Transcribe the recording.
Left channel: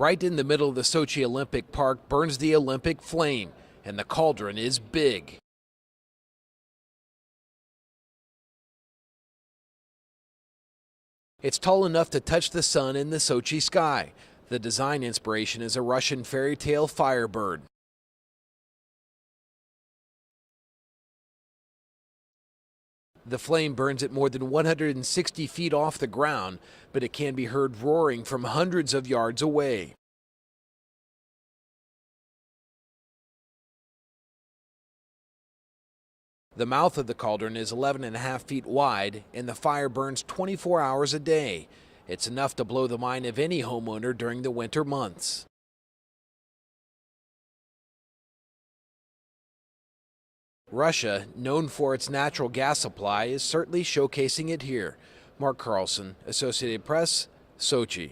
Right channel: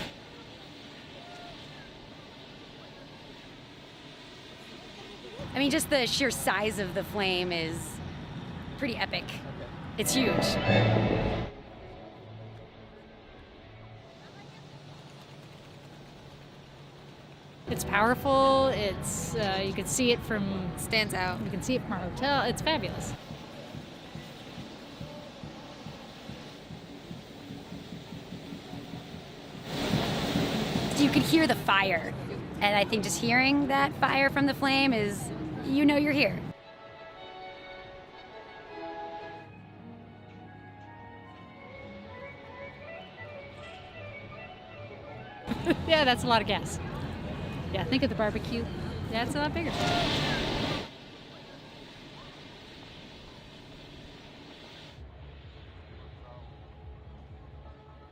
Right in the middle of the Sochi Olympic Park burns the Olympic flame, and the cauldron is big. I mean, just the sheer size of the flame is pretty epic. It's huge. It's tall enough to touch the sun in the Sochi sky. The design inspiration is a Russian fairy tale firebird. It's powerful. It's you can see it from Stands out. You can see it from our hotel. It's fabulous. The flame burns at more than 160 feet off the ground, but it can be heard roaring from hundreds of yards away. You could hear the fire, and I think just hearing that fire from the flame is, you know you're here. The mouth of the cauldron is 11.5 feet wide, and the fire burns 24 hours a day. It's enough to blow the mind of any homeowner during the winter months. Yeah, that's a lot of gas. Yeah, think of the barbecue. Yeah, it's a lot bigger. Russia, known for its natural gas supply, is certainly showcasing it here. Mark Carlson, Associated Press, Sochi.